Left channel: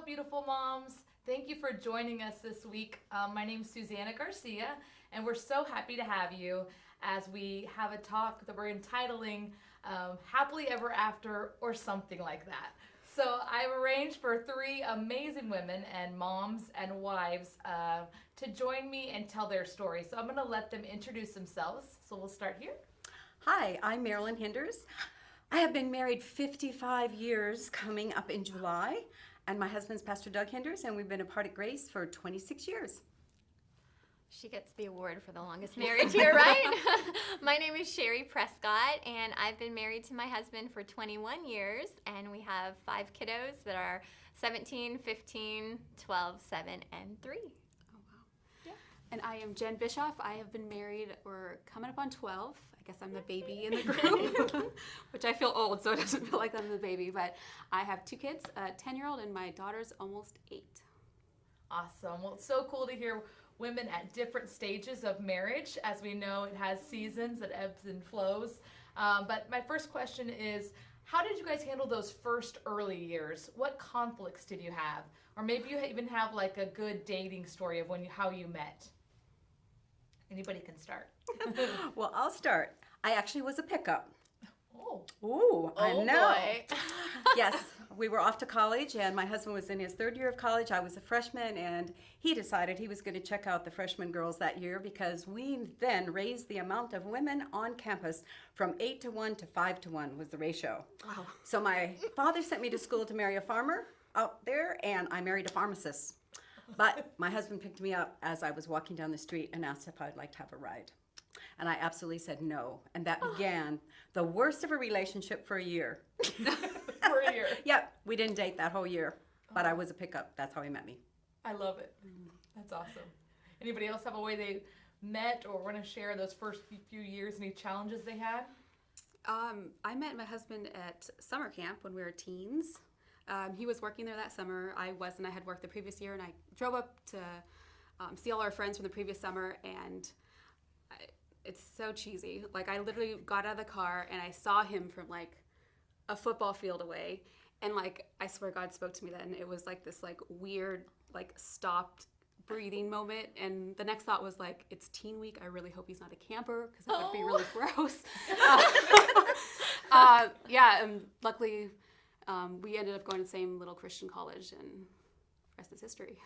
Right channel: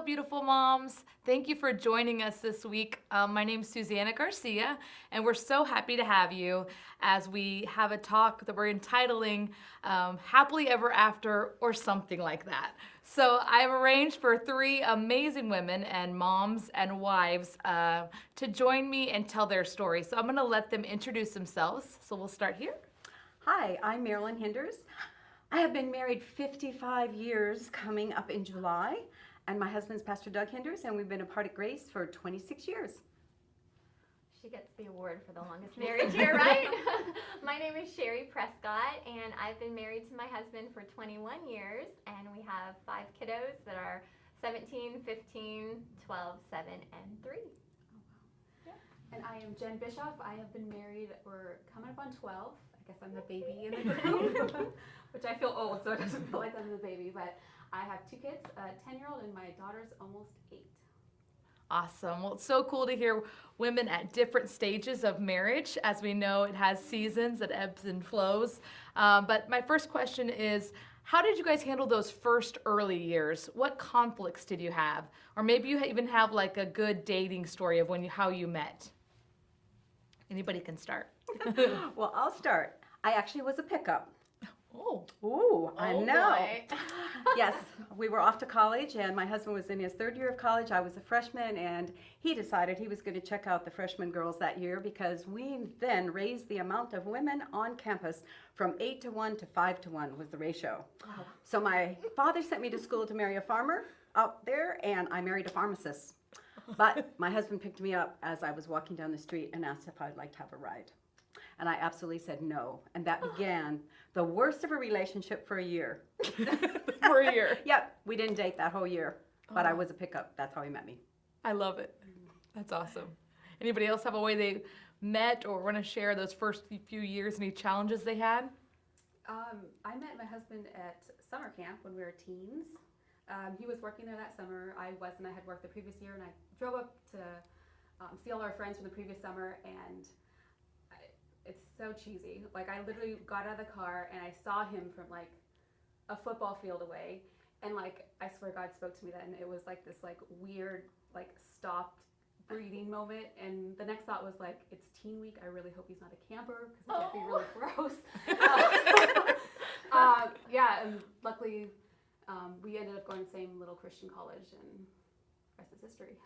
Hello, beautiful moms. Thank you for joining us this week. My name is Suzannah Garcia, and we're so happy to have you as we have a talk that we're entitling Happily Ever After or something like that. So I've arranged for three amazing women and moms and wives to join me and tell their story. So I'm going to let them introduce themselves. So we'll start here. Hi, I'm Marilyn Hinders. I have been married 55 years coming up in July, and my husband's Pastor Doug Hinders, and we've been apart at Grace for 26 years. She gets the award for the longest marriage here, right? My name is Sheri, Prescott, and I've been married to my husband for 21 years, and we have 5 kiddos that are 17, 15, 12, 7, and 3. Oh, wow. Yeah. And I am Jenn Bischof. I have been married, we're coming up on 12. I guess I'm the baby in the group, which I feel old, so it doesn't feel like I'm the baby. But I have 2 kids, a 10-year-old, and my daughter's almost 8. Awesome. Well, it's so cool to hear women at different stages of marriage. As we know, it has seasons, it ebbs and flows. But my first question is, how did you guys handle those first early years? What conflicts did you have? Or maybe you even have like a good dating story of how you met. Anybody can start. Well, I'll start. I actually was a pickup. Oh. Ooh, I know. Boy. Yes, we were off to college, and my husband was in his 3rd year of college. I was a freshman, and he decided he was going to check out the freshman girls that year because we then raised the amount of women on campus from 8 to 1 to 5 to 1 was the ratio. Wow. So my father sent me to school to marry a farmer out there, and I married a pharmacist. But my husband picked me up as I was walking down the street and asked if I'd like to have a ride. And I absolutely said no. And that began the worst of a relationship for a year. For a year. Yep, we didn't date that whole year, but I was a pickup. That's how he met me. I love it. That's awesome. Anybody else have a way they met or want to share those first few years, any challenges they had? I met my husband at summer camp when we were teens. He was working there that summer. I wasn't. I had worked the previous year, and I drove up to see all our friends from the previous summer, and it's so cheesy. Like, I literally got out of the car, and I saw him from, like, a football field away, and, like, I swear God spoke to me then. It was, like, this, like, weird, like, stopped breathing moment, and the next thought was, like, it's teen week. I really hope he's not a camper, because that would be really gross. Yeah, and luckily, we ended up going to the same little Christian college, and the rest is history.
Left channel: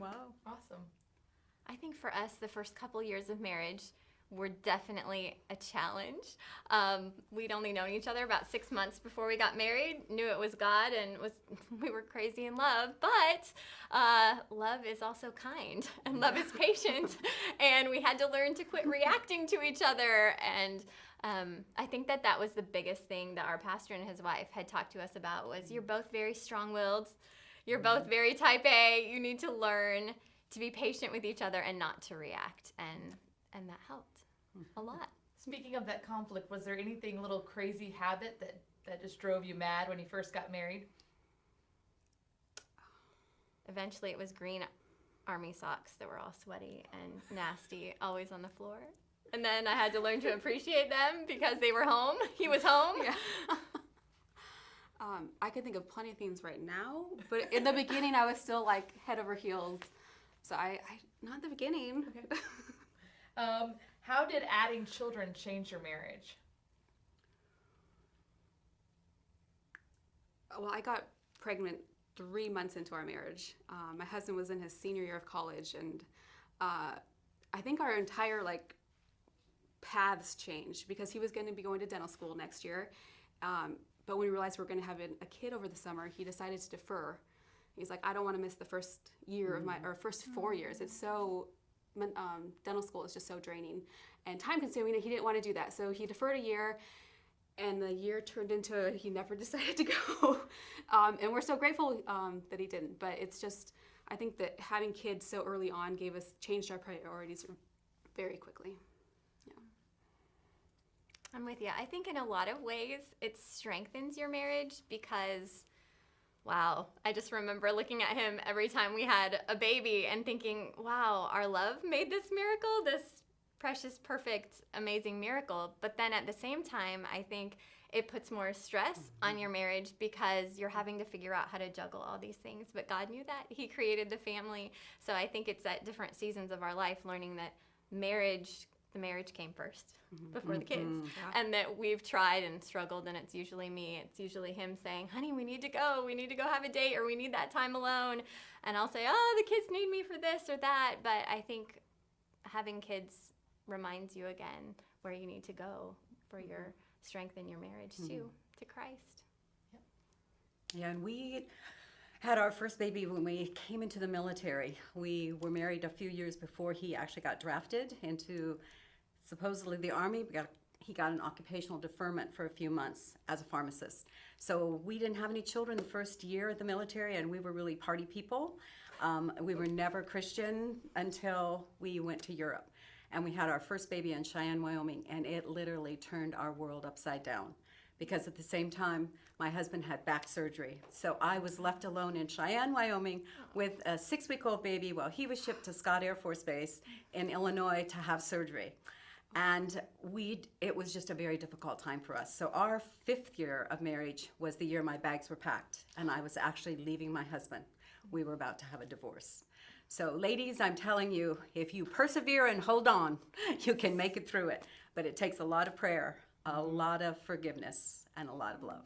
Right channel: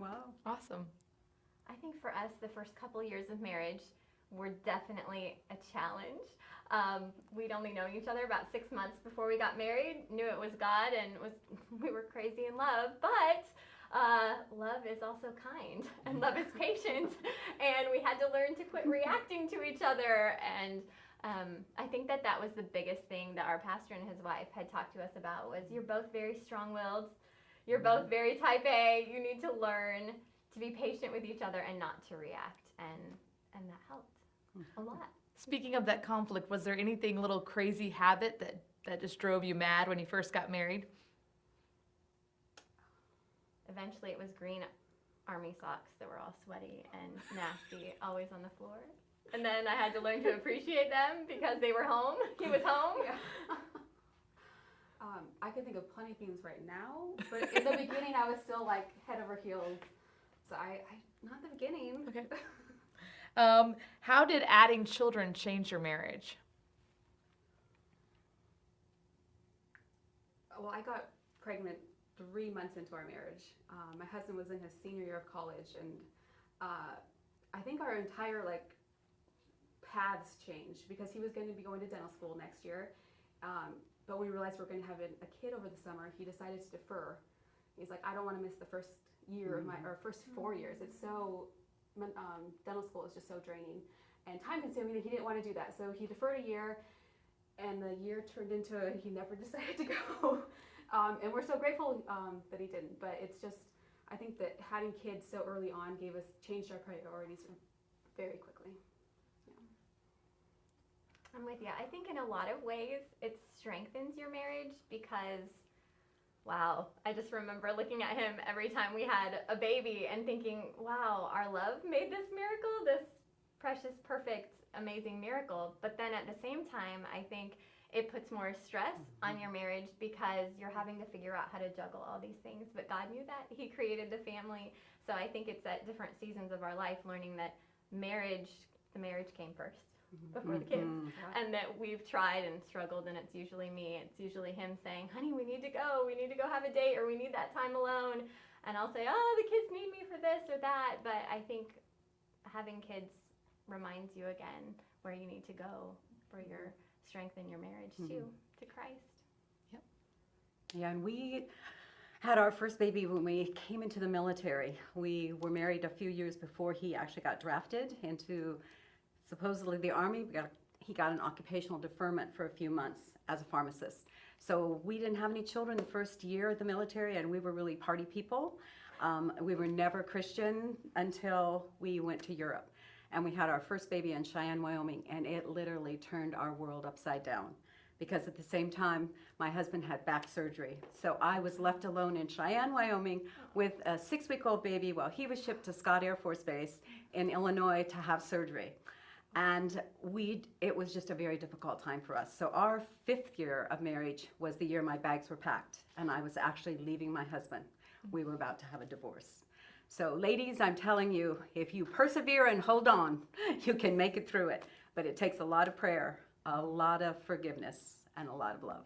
Wow. Awesome. I think for us, the first couple years of marriage were definitely a challenge. We'd only known each other about 6 months before we got married, knew it was God, and we were crazy in love. But love is also kind, and love is patient, and we had to learn to quit reacting to each other. And I think that was the biggest thing that our pastor and his wife had talked to us about was you're both very strong-willed, you're both very type A, you need to learn to be patient with each other and not to react, and that helped a lot. Speaking of that conflict, was there anything, a little crazy habit that just drove you mad when you first got married? Eventually it was green army socks that were all sweaty and nasty, always on the floor. And then I had to learn to appreciate them because they were home. He was home. Yeah. I can think of plenty of things right now, but in the beginning I was still like head over heels. So I not in the beginning. Okay. How did adding children change your marriage? Well, I got pregnant 3 months into our marriage. My husband was in his senior year of college, and I think our entire like paths changed because he was going to be going to dental school next year. But when we realized we were going to have a kid over the summer, he decided to defer. He's like, I don't want to miss the first year of or first 4 years. It's so, dental school is just so draining and time consuming, and he didn't want to do that. So he deferred a year, and the year turned into he never decided to go. And we're so grateful that he didn't. But it's just, I think that having kids so early on changed our priorities very quickly. I'm with you. I think in a lot of ways it strengthens your marriage because, wow, I just remember looking at him every time we had a baby and thinking, wow, our love made this miracle, this precious, perfect, amazing miracle. But then at the same time, I think it puts more stress on your marriage because you're having to figure out how to juggle all these things. But God knew that. He created the family. So I think it's at different seasons of our life learning that the marriage came first before the kids. And that we've tried and struggled, and it's usually me. It's usually him saying, honey, we need to go. We need to go have a date, or we need that time alone. And I'll say, oh, the kids need me for this or that. But I think having kids reminds you again where you need to go for your strength in your marriage too, to Christ. Yeah, and we had our first baby when we came into the military. We were married a few years before he actually got drafted into supposedly the Army. He got an occupational deferment for a few months as a pharmacist. So we didn't have any children the first year of the military, and we were really party people. We were never Christian until we went to Europe. And we had our first baby in Cheyenne, Wyoming, and it literally turned our world upside down. Because at the same time, my husband had back surgery. So I was left alone in Cheyenne, Wyoming with a 6-week-old baby while he was shipped to Scott Air Force Base in Illinois to have surgery. And it was just a very difficult time for us. So our 5th year of marriage was the year my bags were packed, and I was actually leaving my husband. We were about to have a divorce. So ladies, I'm telling you, if you persevere and hold on, you can make it through it. But it takes a lot of prayer, a lot of forgiveness, and a lot of love.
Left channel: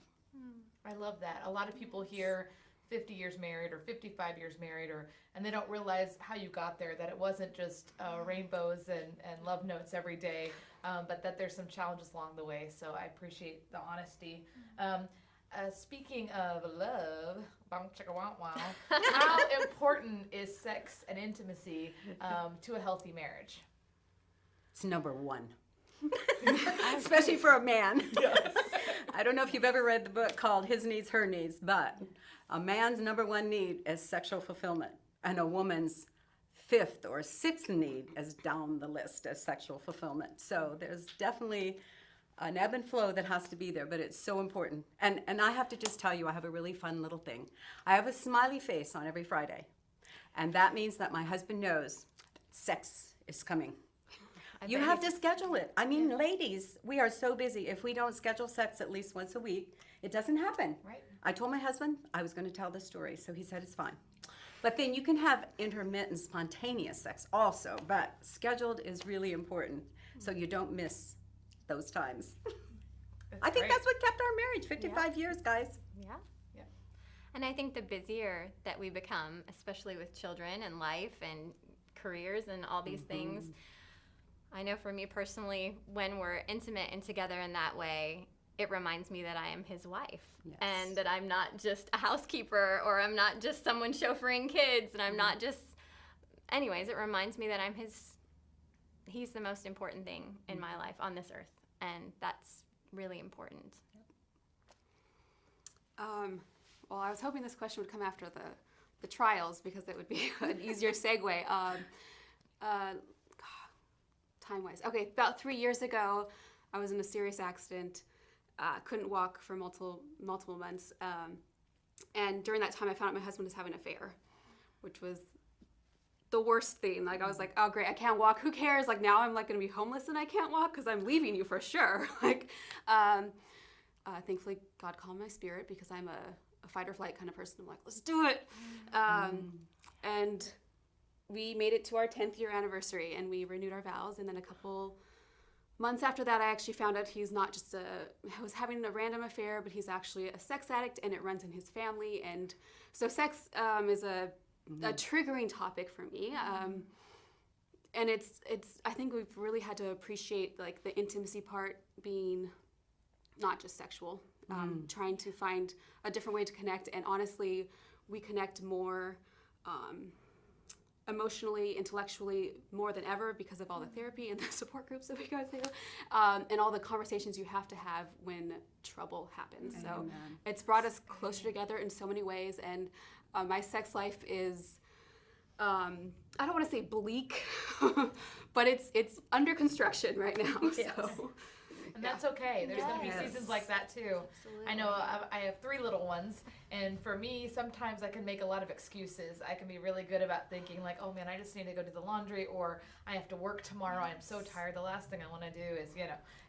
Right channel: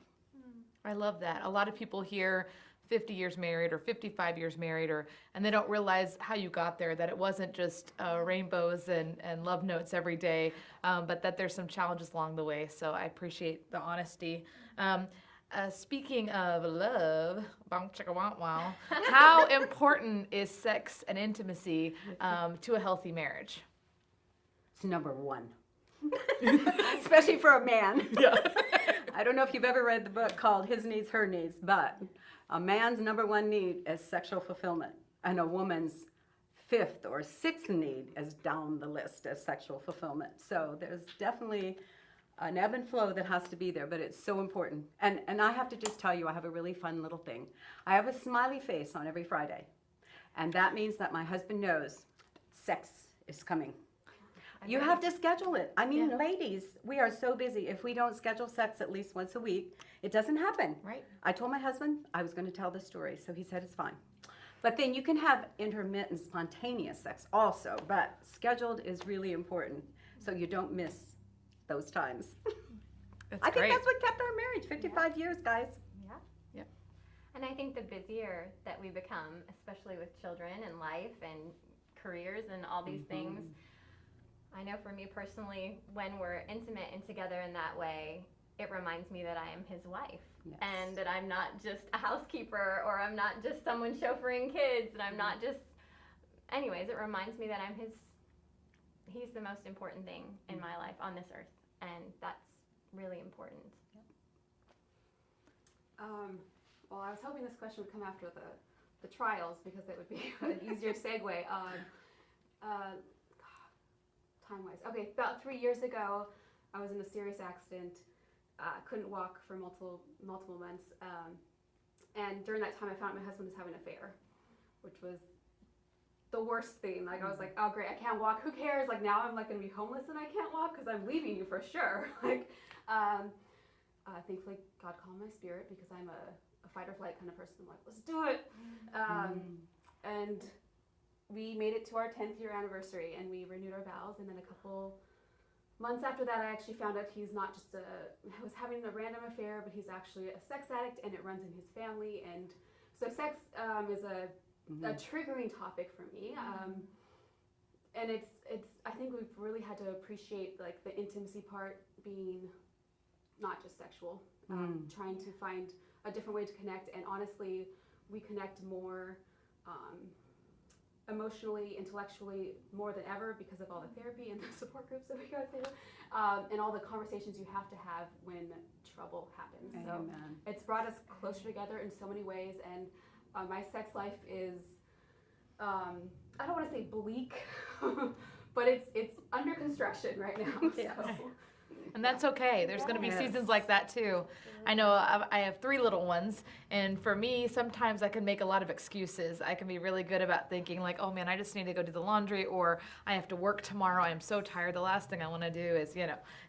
I love that. A lot of people hear 50 years married or 55 years married, and they don't realize how you got there, that it wasn't just rainbows and love notes every day, but that there's some challenges along the way. So I appreciate the honesty. Speaking of love, how important is sex and intimacy to a healthy marriage? It's number one. Especially for a man. Yeah. I don't know if you've ever read the book called His Needs, Her Needs, but a man's number one need is sexual fulfillment, and a woman's 5th or 6th need is down the list as sexual fulfillment. So there's definitely an ebb and flow that has to be there, but it's so important. And I have to just tell you, I have a really fun little thing. I have a smiley face on every Friday, and that means that my husband knows sex is coming. You have to schedule it. I mean, ladies, we are so busy. If we don't schedule sex at least once a week, it doesn't happen. Right. I told my husband I was going to tell this story, so he said it's fine. But then you can have intermittent, spontaneous sex also, but scheduled is really important so you don't miss those times. I think that's what kept our marriage 55 years, guys. Yeah. Yep. And I think the busier that we become, especially with children and life and careers and all these things, I know for me personally, when we're intimate and together in that way, it reminds me that I am his wife. Yes. And that I'm not just a housekeeper, or I'm not just someone chauffeuring kids, and I'm not just, anyways, it reminds me that he's the most important thing in my life on this earth, and that's really important. Well, I was hoping this question would come after the trials, because it would be an easier segue. Time-wise. Okay, about 3 years ago, I was in a serious accident. Couldn't walk for multiple months. And during that time, I found out my husband was having an affair, which was the worst thing. Like, I was like, oh, great, I can't walk. Who cares? Like, now I'm, like, going to be homeless and I can't walk because I'm leaving you for sure. Like, thankfully, God calmed my spirit, because I'm a fight or flight kind of person. I'm like, let's do it. And we made it to our 10th year anniversary, and we renewed our vows. And then a couple months after that, I actually found out he's not just was having a random affair, but he's actually a sex addict, and it runs in his family. And so sex is a triggering topic for me. And it's I think we've really had to appreciate, like, the intimacy part being not just sexual, trying to find a different way to connect. And honestly, we connect more emotionally, intellectually, more than ever, because of all the therapy and the support groups that we go through, and all the conversations you have to have when trouble happens. So it's brought us closer together in so many ways. And my sex life is, I don't want to say bleak, but it's under construction right now. So. And that's okay. There's going to be seasons like that too. I know I have 3 little ones, and for me, sometimes I can make a lot of excuses. I can be really good about thinking like, oh man, I just need to go do the laundry, or I have to work tomorrow. I am so tired. The last thing I want to do is,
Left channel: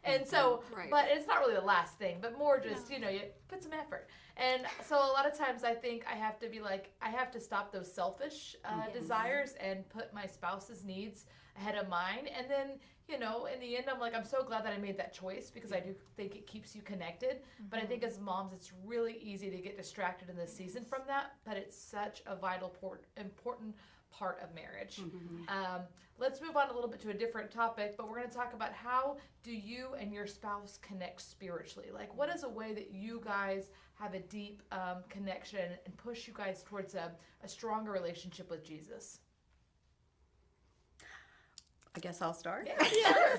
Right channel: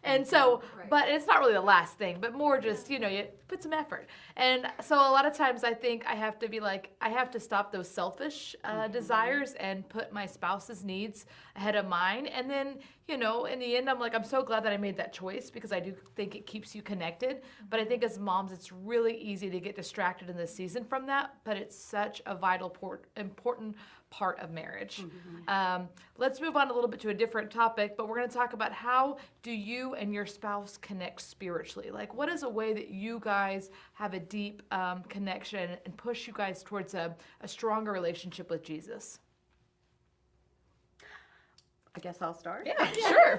and so, Right. but it's not really the last thing, but more just, you put some effort. And so a lot of times I think I have to be like, I have to stop those selfish desires and put my spouse's needs ahead of mine. And then, in the end, I'm like, I'm so glad that I made that choice, because I do think it keeps you connected. But I think as moms, it's really easy to get distracted in this season from that. But it's such a vital, important part of marriage. Let's move on a little bit to a different topic, but we're going to talk about how do you and your spouse connect spiritually? Like, what is a way that you guys have a deep connection and push you guys towards a stronger relationship with Jesus? I guess I'll start. Yeah, sure.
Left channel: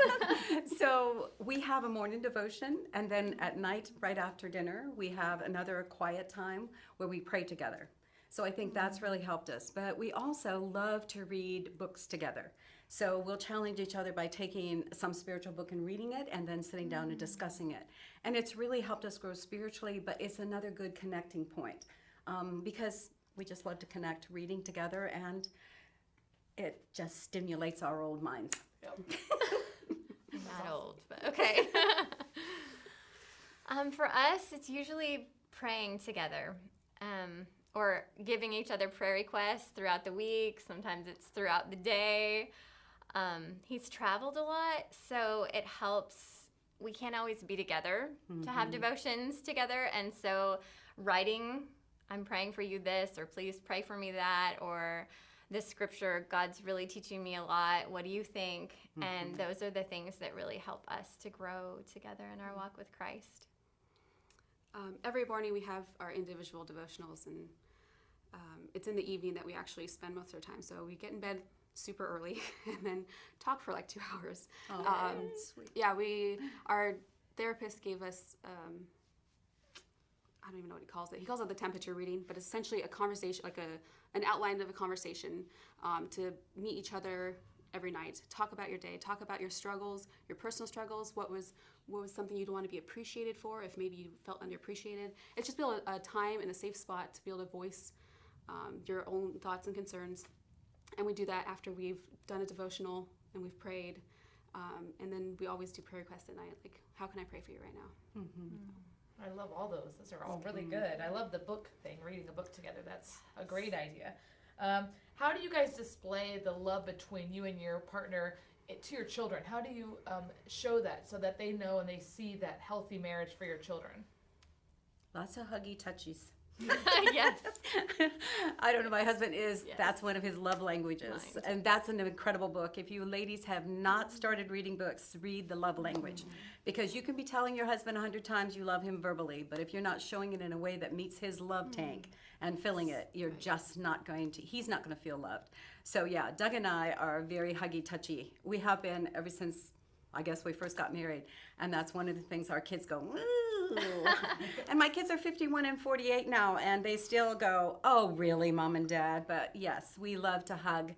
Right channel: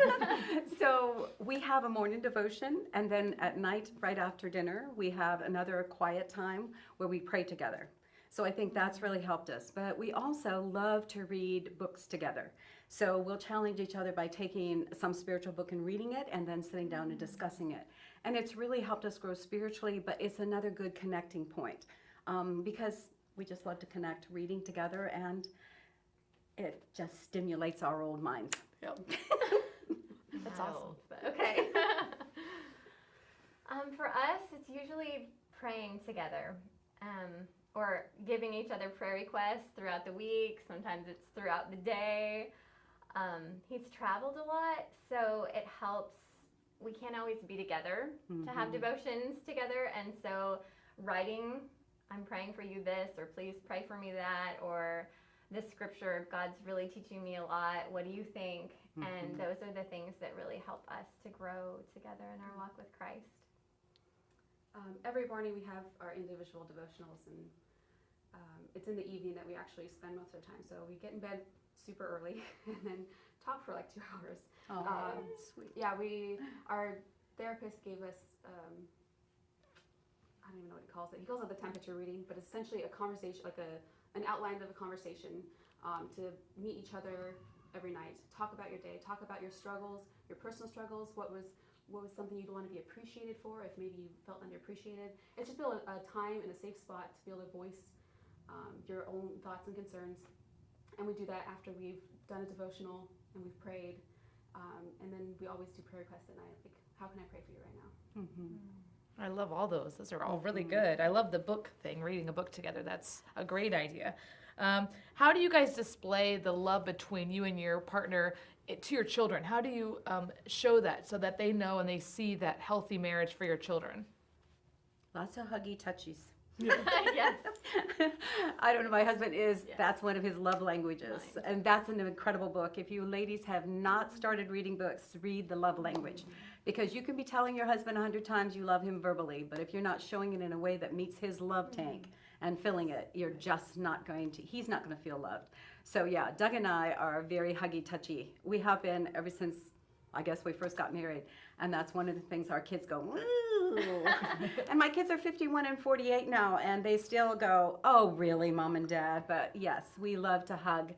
So we have a morning devotion, and then at night, right after dinner, we have another quiet time where we pray together. So I think that's really helped us. But we also love to read books together. So we'll challenge each other by taking some spiritual book and reading it, and then sitting down and discussing it. And it's really helped us grow spiritually, but it's another good connecting point, because we just love to connect reading together, and it just stimulates our old minds. Yep. Not awesome. old, but okay. For us, it's usually praying together, or giving each other prayer requests throughout the week. Sometimes it's throughout the day. He's traveled a lot, so it helps. We can't always be together to have devotions together, and so writing, I'm praying for you this, or please pray for me that, or this scripture, God's really teaching me a lot. What do you think? And those are the things that really help us to grow together in our walk with Christ. Every morning we have our individual devotionals, and it's in the evening that we actually spend most of our time. So we get in bed super early and then talk for like 2 hours. Oh, sweet. Yeah, our therapist gave us, I don't even know what he calls it. He calls it the temperature reading, but essentially a conversation, like an outline of a conversation, to meet each other every night. Talk about your day, talk about your struggles, your personal struggles, what was something you'd want to be appreciated for if maybe you felt underappreciated. It's just a time and a safe spot to be able to voice your own thoughts and concerns. And we do that after we've done a devotional and we've prayed. And then we always do prayer requests at night, like, how can I pray for you right now? I love all those. Those are all really good. I love the book thing, reading a book together. That's a great idea. How do you guys display the love between you and your partner to your children? How do you show that so that they know and they see that healthy marriage for your children? Lots of huggy touchies. Yes. I don't know, my husband is, Yes. that's one of his love languages. Nice. And that's an incredible book. If you ladies have not started reading books, read The Love Language. Because you can be telling your husband 100 times you love him verbally, but if you're not showing it in a way that meets his love tank and filling it, you're just not going to, he's not going to feel loved. So yeah, Doug and I are very huggy touchy. We have been ever since, I guess, we first got married. And that's one of the things our kids go, woo. And my kids are 51 and 48 now, and they still go, oh, really, Mom and Dad? But yes, we love to hug.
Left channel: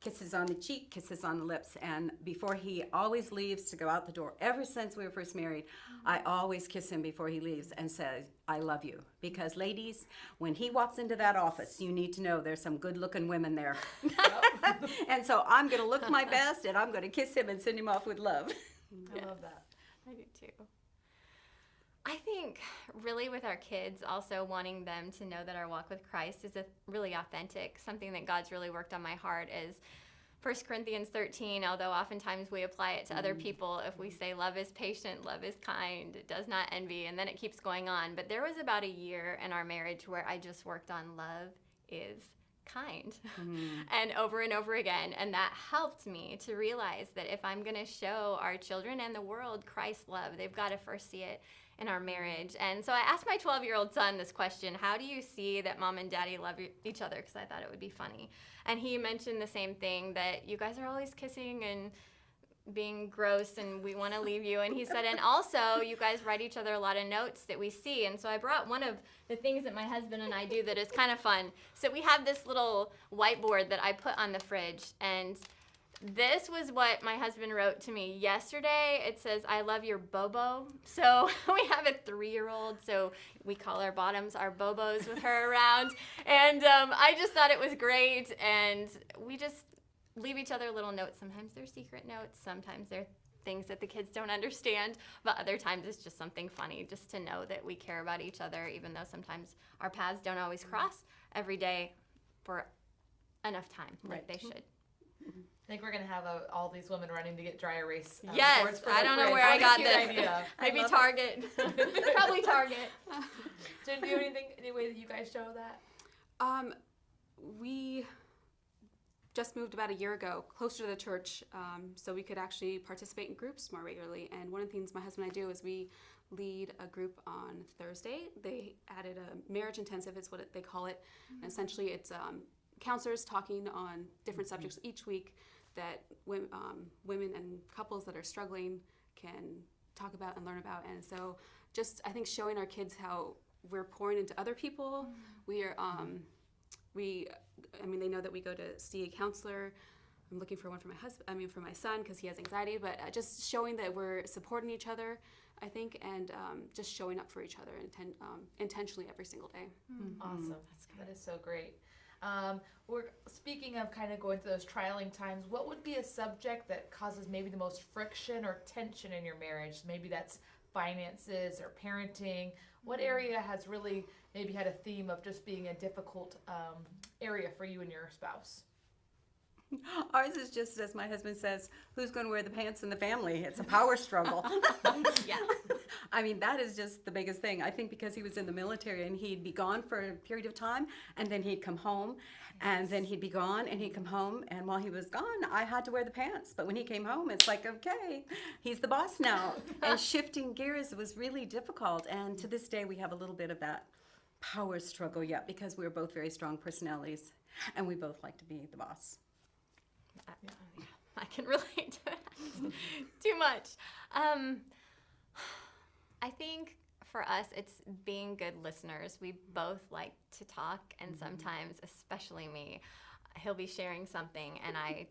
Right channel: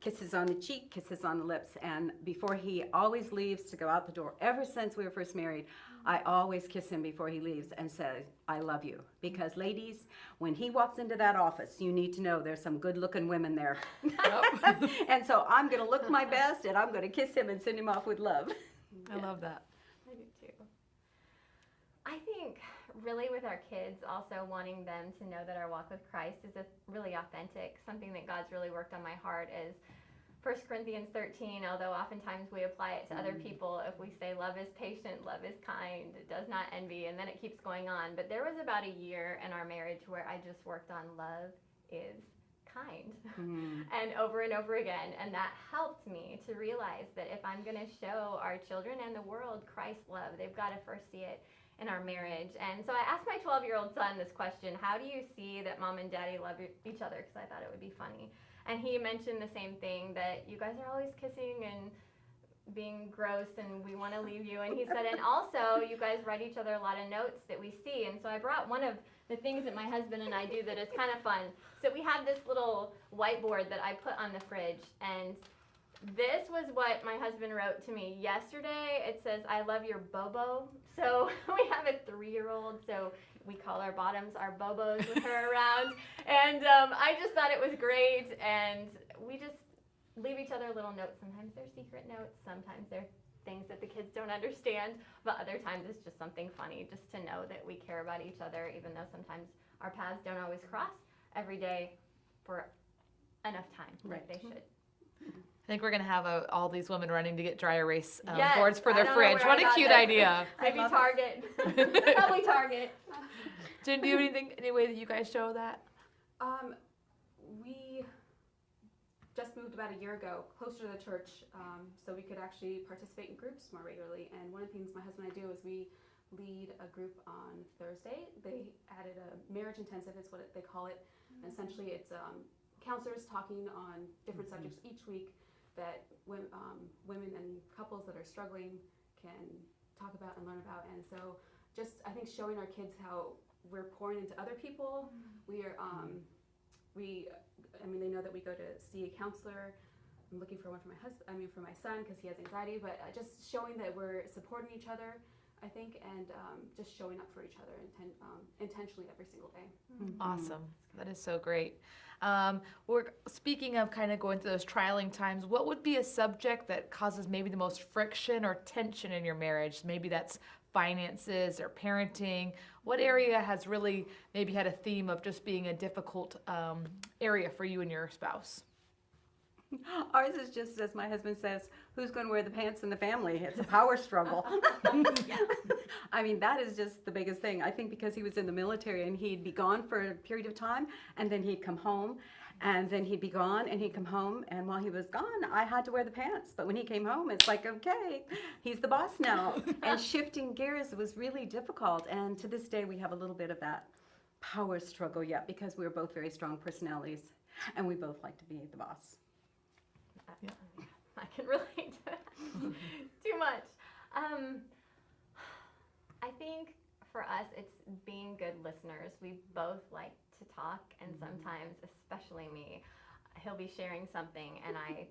Kisses on the cheek, kisses on the lips. And before he always leaves to go out the door, ever since we were first married, I always kiss him before he leaves and say, I love you. Because ladies, when he walks into that office, you need to know there's some good looking women there. And so I'm going to look my best, and I'm going to kiss him and send him off with love. I love that. I do too. I think really with our kids, also wanting them to know that our walk with Christ is really authentic. Something that God's really worked on my heart is 1 Corinthians 13, although oftentimes we apply it to other people. If we say love is patient, love is kind, it does not envy, and then it keeps going on. But there was about a year in our marriage where I just worked on love is kind and over again, and that helped me to realize that if I'm going to show our children and the world Christ's love, they've got to first see it in our marriage. And so I asked my 12-year-old son this question: how do you see that Mom and Daddy love each other? Because I thought it would be funny. And he mentioned the same thing, that you guys are always kissing and being gross and we want to leave you. And he said, and also you guys write each other a lot of notes that we see. And so I brought one of the things that my husband and I do that is kind of fun. So we have this little whiteboard that I put on the fridge, and This was what my husband wrote to me yesterday. It says, "I love your bobo." So we have a 3-year-old, so we call our bottoms our bobos with her around. And I just thought it was great. And we just leave each other little notes. Sometimes they're secret notes. Sometimes they're things that the kids don't understand. But other times it's just something funny just to know that we care about each other, even though sometimes our paths don't always cross every day for enough time like they should. I think we're going to have all these women running to get dry erase Yes, boards for I their don't know fridge. where I What a got cute this. idea. Maybe love it. Target. Probably Target. Jen, do you have any way that you guys show that? We just moved about a year ago closer to the church, so we could actually participate in groups more regularly. And one of the things my husband and I do is we lead a group on Thursday. They added a marriage intensive, is what they call it. And essentially it's counselors talking on different subjects each week that women and couples that are struggling can talk about and learn about. And so just, I think, showing our kids how we're pouring into other people. We are, they know that we go to see a counselor. I'm looking for one for for my son, because he has anxiety, but just showing that we're supporting each other, I think, and just showing up for each other intentionally every single day. Awesome. That is so great. We're speaking of kind of going through those trialing times. What would be a subject that causes maybe the most friction or tension in your marriage? Maybe that's finances or parenting. What area has really maybe had a theme of just being a difficult area for you and your spouse? Ours is just, as my husband says, who's going to wear the pants in the family? It's a power struggle. Yeah. I mean, that is just the biggest thing. I think because he was in the military and he'd be gone for a period of time, and then he'd come home, and then he'd be gone, and he'd come home, and while he was gone, I had to wear the pants. But when he came home, it's like, okay, he's the boss now. And shifting gears was really difficult. And to this day, we have a little bit of that power struggle yet, because we're both very strong personalities, and we both like to be the boss. I can relate to that too much. I think for us, it's being good listeners. We both like to talk, and sometimes, especially me, he'll be sharing something and I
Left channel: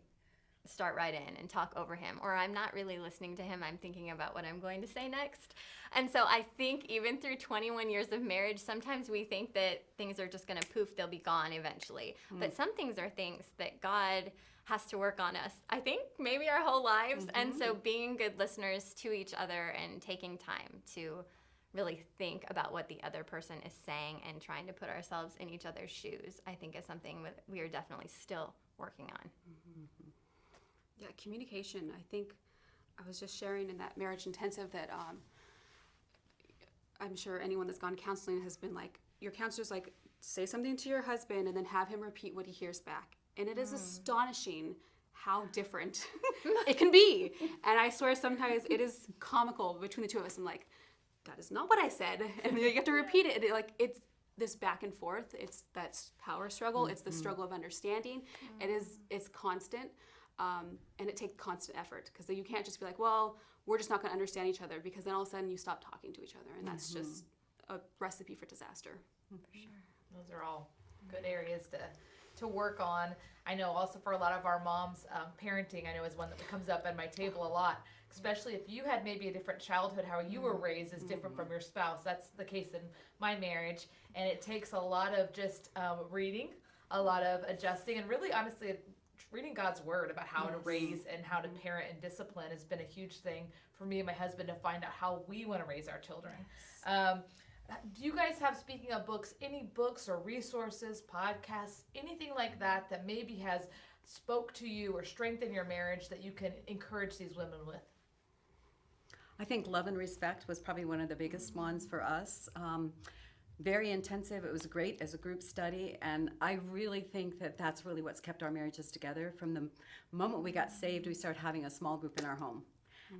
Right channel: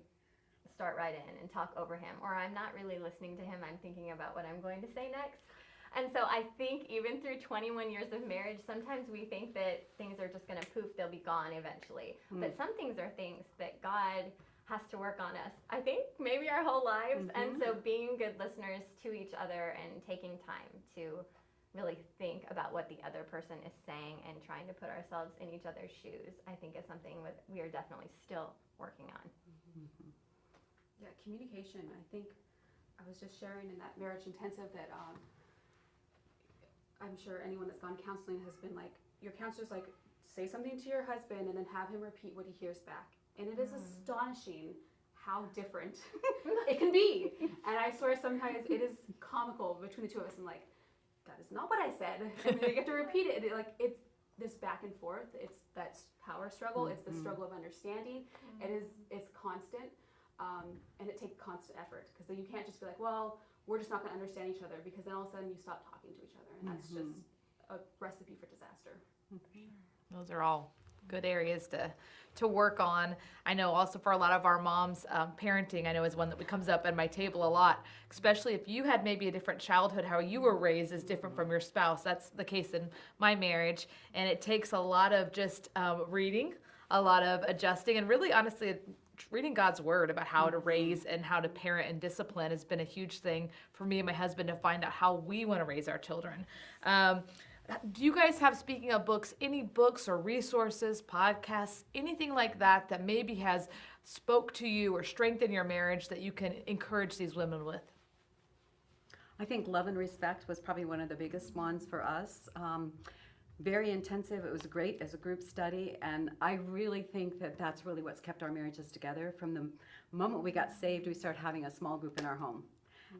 start right in and talk over him, or I'm not really listening to him. I'm thinking about what I'm going to say next. And so I think even through 21 years of marriage, sometimes we think that things are just going to poof, they'll be gone eventually. But some things are things that God has to work on us, I think, maybe our whole lives. And so being good listeners to each other and taking time to really think about what the other person is saying and trying to put ourselves in each other's shoes, I think is something we are definitely still working on. Yeah, communication. I think I was just sharing in that marriage intensive that I'm sure anyone that's gone counseling has been like, your counselor's like, say something to your husband and then have him repeat what he hears back. And it is astonishing how different it can be. And I swear sometimes it is comical between the two of us. I'm like, that is not what I said. And then you have to repeat it. It's this back and forth. It's that power struggle. It's the struggle of understanding. It's constant. And it takes constant effort, because you can't just be like, well, we're just not going to understand each other, because then all of a sudden you stop talking to each other. And that's just a recipe for disaster. Those are all good areas to work on. I know also for a lot of our moms, parenting, I know, is one that comes up at my table a lot, especially if you had maybe a different childhood. How you were raised is different from your spouse. That's the case in my marriage, and it takes a lot of just reading, a lot of adjusting, and really honestly reading God's word about how to raise and how to parent and discipline has been a huge thing for me and my husband to find out how we want to raise our children. Do you guys have, speaking of books, any books or resources, podcasts, anything like that that maybe has spoke to you or strengthened your marriage that you can encourage these women with? I think Love and Respect was probably one of the biggest ones for us. Very intensive. It was great as a group study, and I really think that that's really what's kept our marriages together. From the moment we got saved, we started having a small group in our home.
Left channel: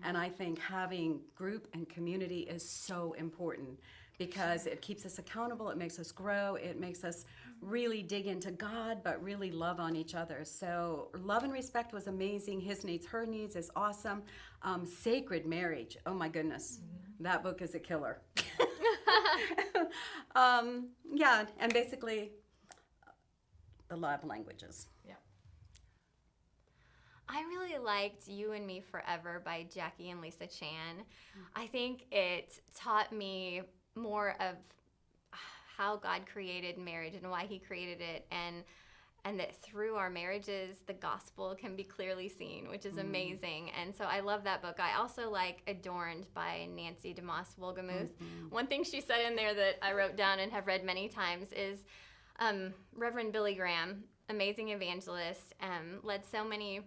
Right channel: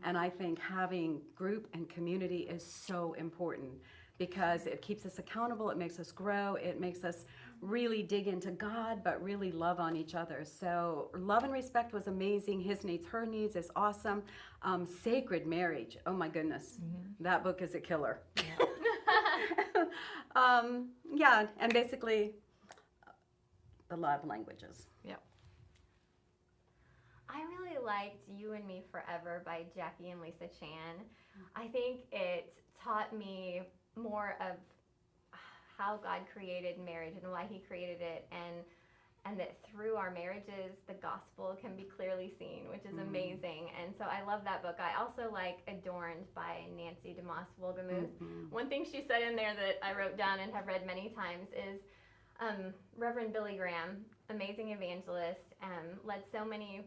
And I think having group and community is so important, because it keeps us accountable, it makes us grow, it makes us really dig into God, but really love on each other. So Love and Respect was amazing. His Needs, Her Needs is awesome. Sacred Marriage, oh my goodness, that book is a killer. Yeah, and basically the love languages. Yeah. I really liked You and Me Forever by Jackie and Lisa Chan. I think it taught me more of how God created marriage and why he created it, and that through our marriages, the gospel can be clearly seen, which is amazing. And so I love that book. I also like Adorned by Nancy DeMoss Wolgemuth. One thing she said in there that I wrote down and have read many times is Reverend Billy Graham, amazing evangelist, led so many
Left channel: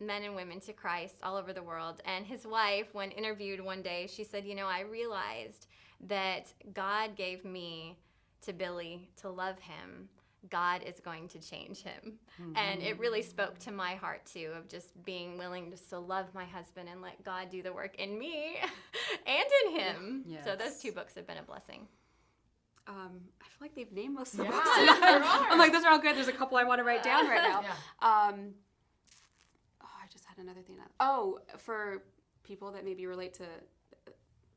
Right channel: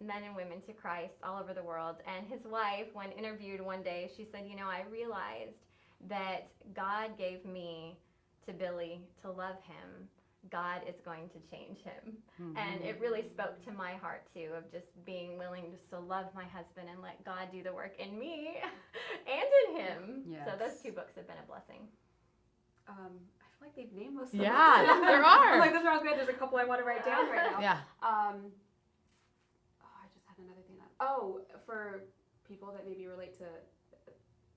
men and women to Christ all over the world. And his wife, when interviewed one day, she said, I realized that God gave me to Billy to love him. God is going to change him. And it really spoke to my heart too, of just being willing just to love my husband and let God do the work in me and in him. Yes. So those two books have been a blessing. I feel like they've named most of the Yeah, books. there are. I'm like, those are all good. There's a couple I want to write down right now. Yeah. I just had another thing. For people that maybe relate to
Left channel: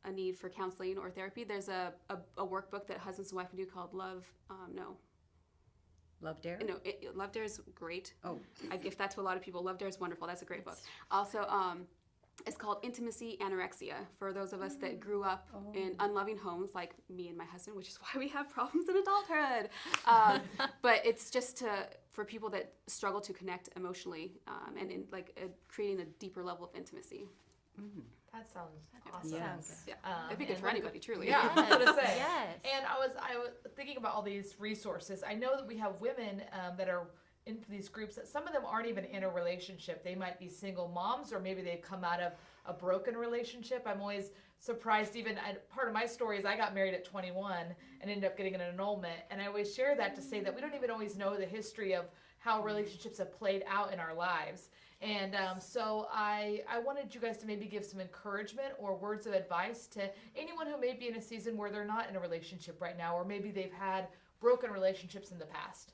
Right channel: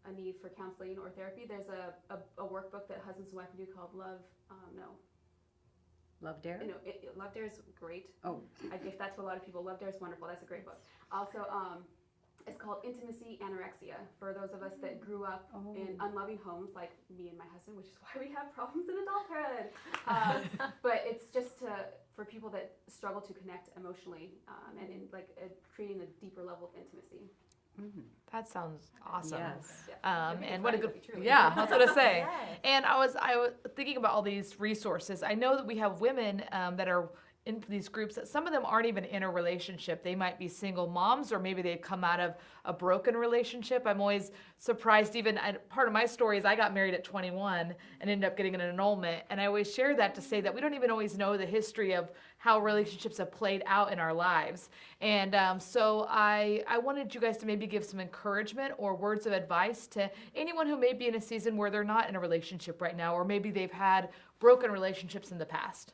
a need for counseling or therapy, there's a workbook that husbands and wife can do called Love Dare? Love Dare is great. Oh. I'd gift that to a lot of people. Love Dare is wonderful. That's a great book. Also, it's called Intimacy Anorexia for those of us that grew up in unloving homes like me and my husband, which is why we have problems in adulthood. But it's just for people that struggle to connect emotionally and in creating a deeper level of intimacy. That sounds awesome. Yes. Yeah. I think it's and running then- with me, truly. Yeah, that's what I say. Yes. And I was thinking about all these resources. I know that we have women that are in these groups that some of them aren't even in a relationship. They might be single moms, or maybe they've come out of a broken relationship. I'm always surprised. Part of my story is I got married at 21 and ended up getting an annulment. And I always share that to say that we don't even always know the history of how relationships have played out in our lives. And so I wanted you guys to maybe give some encouragement or words of advice to anyone who may be in a season where they're not in a relationship right now, or maybe they've had broken relationships in the past.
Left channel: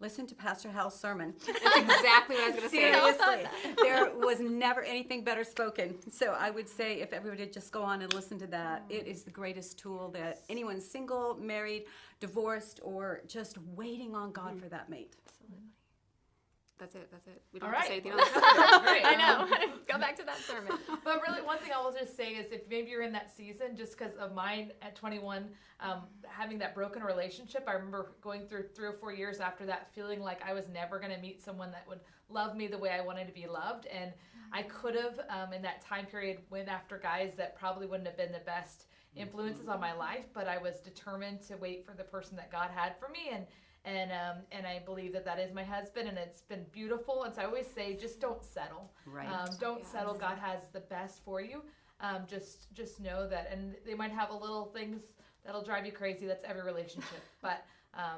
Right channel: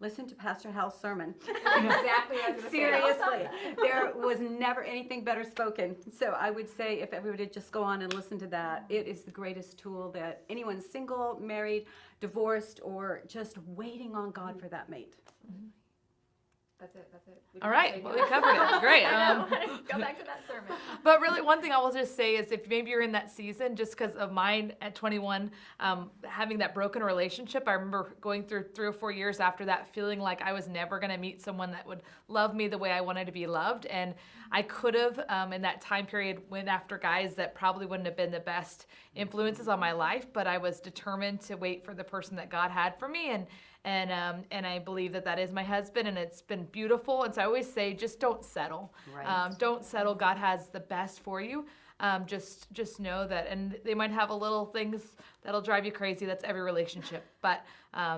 Listen to Pastor Hal's sermon. That's exactly what I was going to say. Seriously, there was never anything better spoken. So I would say if everyone would just go on and listen to that, it is the greatest tool that anyone single, married, divorced, or just waiting on God for that mate. That's it. We All don't have to right, say well, anything we else. covered it. Great. I know. Go back to that sermon. But really, one thing I will just say is if maybe you're in that season, just because of mine at 21, having that broken relationship, I remember going through 3 or 4 years after that, feeling like I was never going to meet someone that would love me the way I wanted to be loved. And I could have, in that time period, went after guys that probably wouldn't have been the best influences on my life, but I was determined to wait for the person that God had for me. And I believe that is my husband, and it's been beautiful. And so I always say, just don't settle. Right. Don't settle. God has the best for you. Just know that. And they might have a little things that'll drive you crazy. That's every relationship. But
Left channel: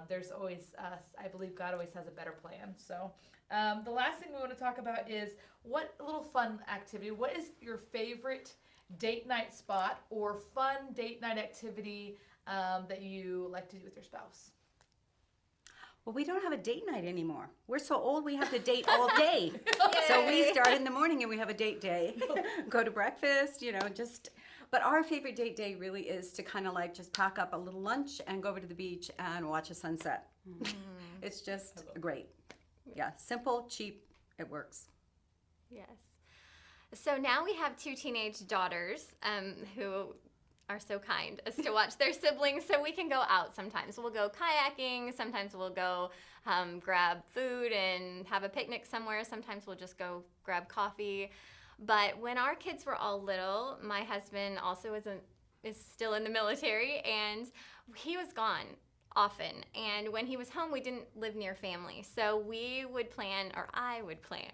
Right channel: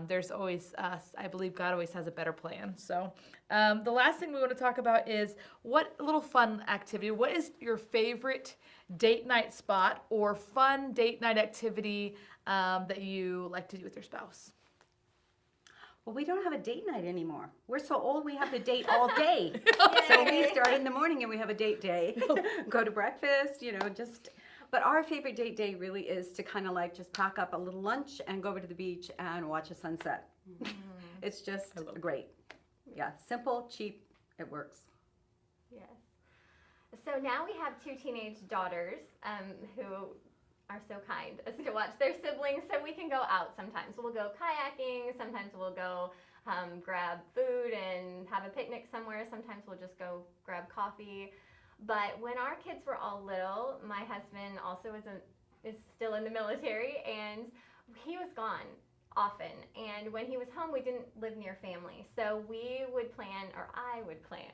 there's always, I believe God always has a better plan. So the last thing we want to talk about is what little fun activity. What is your favorite date night spot or fun date night activity that you like to do with your spouse? Well, we don't have a date night anymore. We're so old we have to date all day. So we start in the morning and we have a date day. Go to breakfast, But our favorite date day really is to kind of just pack up a little lunch and go over to the beach and watch a sunset. It's just great. Yeah, simple, cheap, it works. Yes. So now we have 2 teenage daughters who are so kind as to watch their siblings, so we can go out sometimes. We'll go kayaking, sometimes we'll go grab food and have a picnic somewhere, sometimes we'll just go grab coffee. But when our kids were all little, my husband also is still in the military, and he was gone often. And when he was home, we didn't live near family. So we would plan, or I would plan,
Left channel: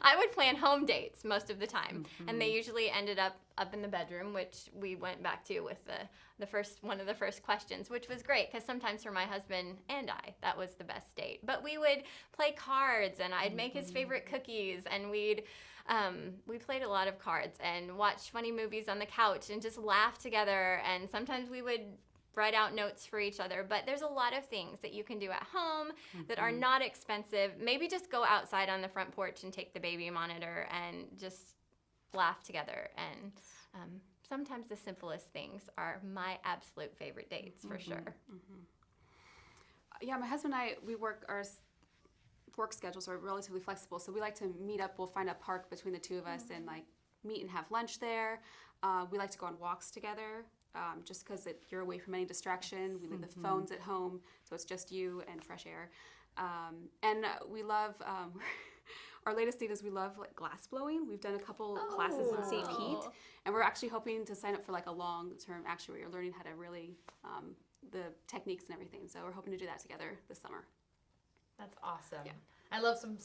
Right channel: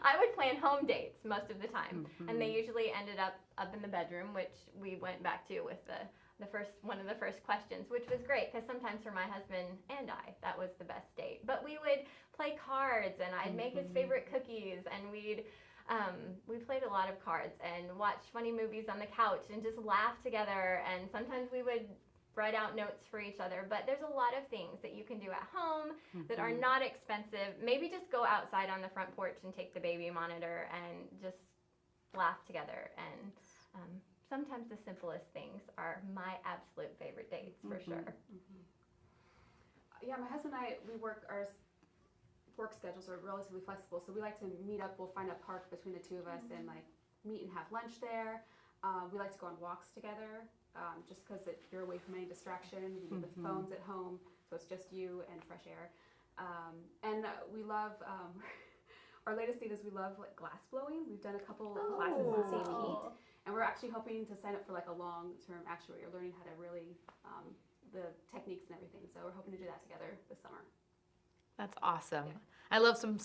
I would plan home dates most of the time. And they usually ended up in the bedroom, which we went back to with one of the first questions, which was great because sometimes for my husband and I, that was the best date. But we would play cards, and I'd make his favorite cookies, and we played a lot of cards and watched funny movies on the couch and just laugh together. And sometimes we would write out notes for each other. But there's a lot of things that you can do at home that are not expensive. Maybe just go outside on the front porch and take the baby monitor and just laugh together. And sometimes the simplest things are my absolute favorite dates, for sure. Yeah, my husband and I, we work work schedules are relatively flexible, so we like to meet up. We'll find a park between the two of us and like meet and have lunch there. We like to go on walks together, just because you're away from any distraction. We leave the phones at home, so it's just you and fresh air. And we love, our latest thing is we love like glass blowing. We've done a couple classes in St. Pete, and we're actually hoping to sign up for like a long-term actuary, or learning how to really, the techniques and everything. So we're hoping to do that together this summer. That's awesome. Yeah. I love some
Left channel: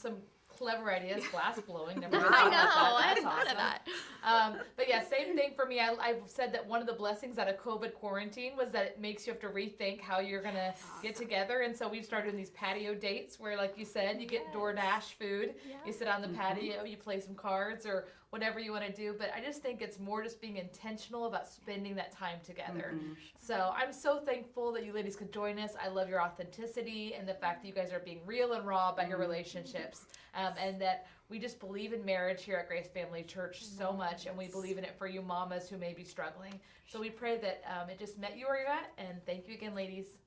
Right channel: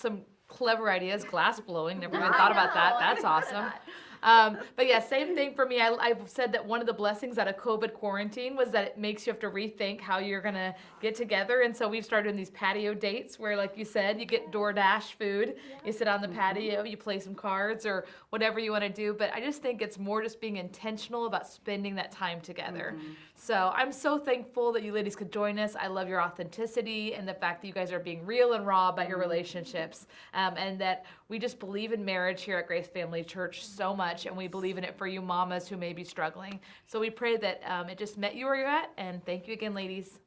clever ideas. Glass blowing. Never even I thought about know, that. I That's thought of awesome. that. But yeah, same thing for me. I've said that one of the blessings out of COVID quarantine was that it makes you have to rethink how you're gonna get together. And so we've started doing these patio dates where, like you said, you get DoorDash food. You sit on the patio, you play some cards or whatever you want to do. But I just think it's more just being intentional about spending that time together. So I'm so thankful that you ladies could join us. I love your authenticity and the fact that you guys are being real and raw about your relationships, and that we just believe in marriage here at Grace Family Church so much, and we believe in it for you mamas who may be struggling. So we pray that it just met you where you're at, and thank you again, ladies.